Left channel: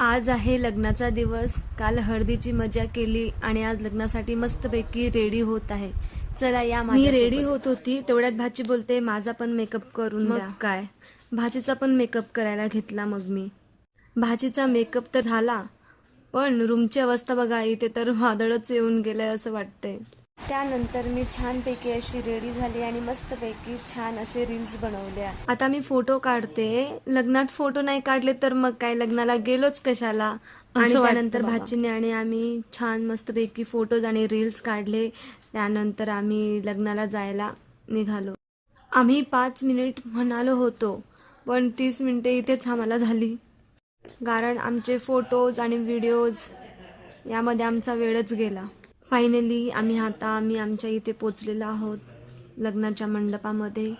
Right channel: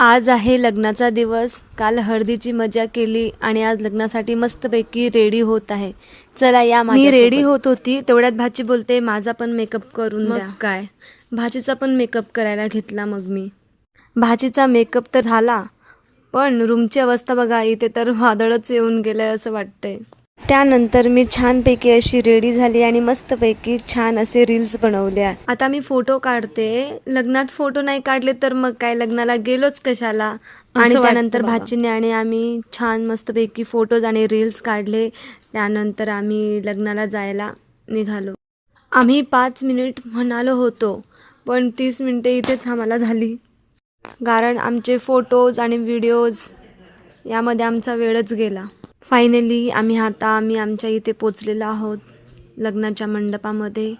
आज आहे लग्नाचा दिवस. काल हळदीची मजा केली आणि आज लग्नासाठी मस्तपैकी रेडी होत आहे. चला या मी रेडी होत होती तेवढ्यात भाची बोलते माझा पण मेकअप करून द्या. काय भाचीचा पण मेकअप करायला घेतला. मग मी भाचीचा मेकअप तर झाला, पण रूमची अवस्था बघा, इथे तर वादळच येऊन गेलं असं वाटतंय. त्यानंतर मी छानपैकी अशी रेडी झाली आणि मस्तपैकी छान असे रील्स बनवल्या. आता मी फोटो काढते. लग्नात फोटो नाही काढले तर मग काय, लग्नाला गेलोच कशाला. आणि त्यानंतर भाचीने आणि आम्ही छान मस्तपैकी फोटोज आणि रील्स काढले. त्यानंतर आम्ही लग्नाला जायला निघालो. आम्ही 5 मिनिट म्हणालो होतो, पण 30 मिनिटे इथेच आम्हाला झाली, कारण आमचे फोटोज आणि व्हिडिओज यामध्ये आमचा वेळच गेला. फायनली आम्ही आमच्या इथे पोचलेलो आहोत लग्नाच्या मंडपामध्ये.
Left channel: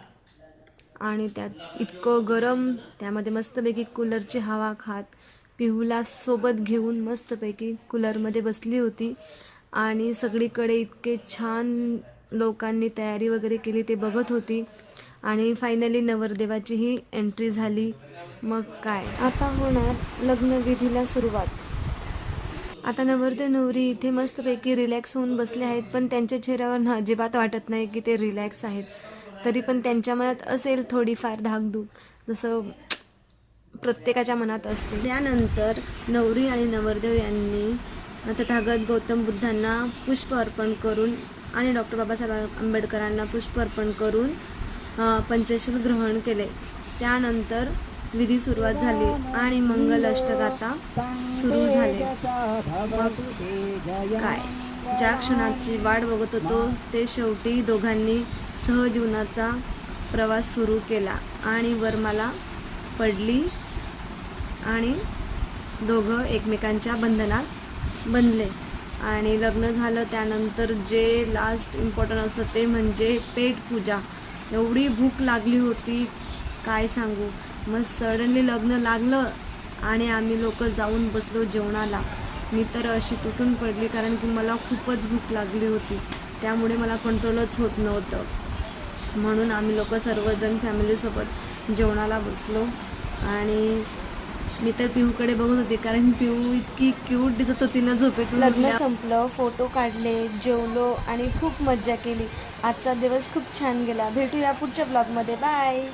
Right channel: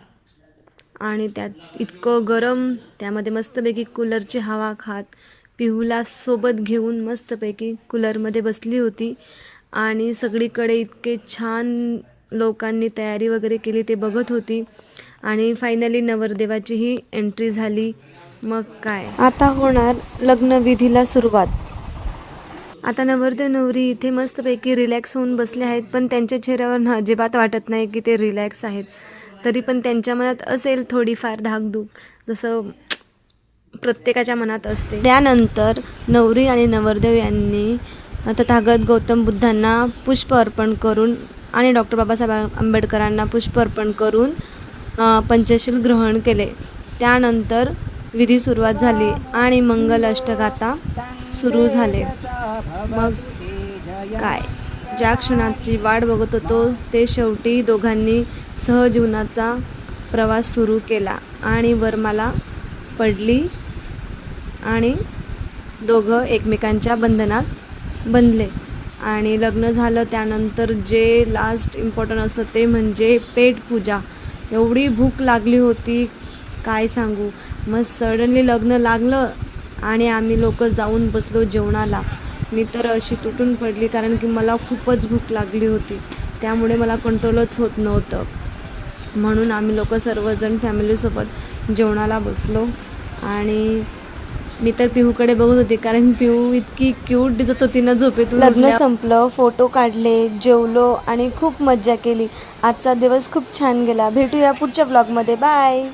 आणि त्यात इतकं गरम, त्यामध्ये मस्तपैकी कूलरची हवा खात पिहूला सोबत घेऊन मस्तपैकी कूलरमध्ये बसली होती. आणि सगळीकडे इतके छान लोकांनी तयारी वगैरे केली ते बघत होती. आणि फायनली नवरदेवाचीही एंट्री झाली. मग काय, आता होणार लग्नविधीला सुरुवात. आता नवरदेव नवरी इथे मस्तपैकी रिलॅक्स होऊन बसले आहेत, पण त्यांच्या चेहऱ्यावर अजिबात वाटत नाही की ते रिलॅक्स आहेत. तरी पण त्यांच्या मनात असेल थोडीफार धाकधूक, जसं प्रत्येकाच्या मनात असते. त्यानंतर नवरी आणि नवरदेव यांनी तथागत गौतम बुद्धांना पुष्प अर्पण करून आणि डॉक्टर बाबासाहेब आंबेडकरांना पुष्प अर्पण करून पंचशील ग्रहण केले. त्यानंतर विधी सुरुवात झाली आणि मंगल अष्टगाथा सुरू झाले. मग काय, ज्या क्षणाची वाट बघत होतो ते शेवटी दोघांनी सहजीवनाचा प्रवास सुरू केला आणि वरमाला पडली आणि दोघं एकमेकांच्या बंधनात बंधले आणि लग्न झालं. त्यानंतर जे लास्ट इम्पॉर्टंट असतं ते म्हणजे पेटपूजा. एवढी भूक लागली होती काय सांगू. मग सडनली लग्न लागलं आणि आम्ही लोक जाऊन बसलो जेवणाला. मी तर अशी तुटून पडली, कारण की मला खूपच भूक लागली होती. त्यामुळे मला कंट्रोलच होत नव्हतं. म्हणून आम्ही लोक सर्वजण फॅमिलीसोबत जेवणाला बसलो. आणि मी तर पिहूकडे बघत होती, कारण पिहू इतकी क्यूट दिसत होती ना झोपेतून. लग्न संपलं, फोटो काढले, जेवलो आणि खूप मज्जा केली. आजचा दिवस खूप छान गेला. भेटूया पुढच्या ब्लॉगमध्ये. बाय.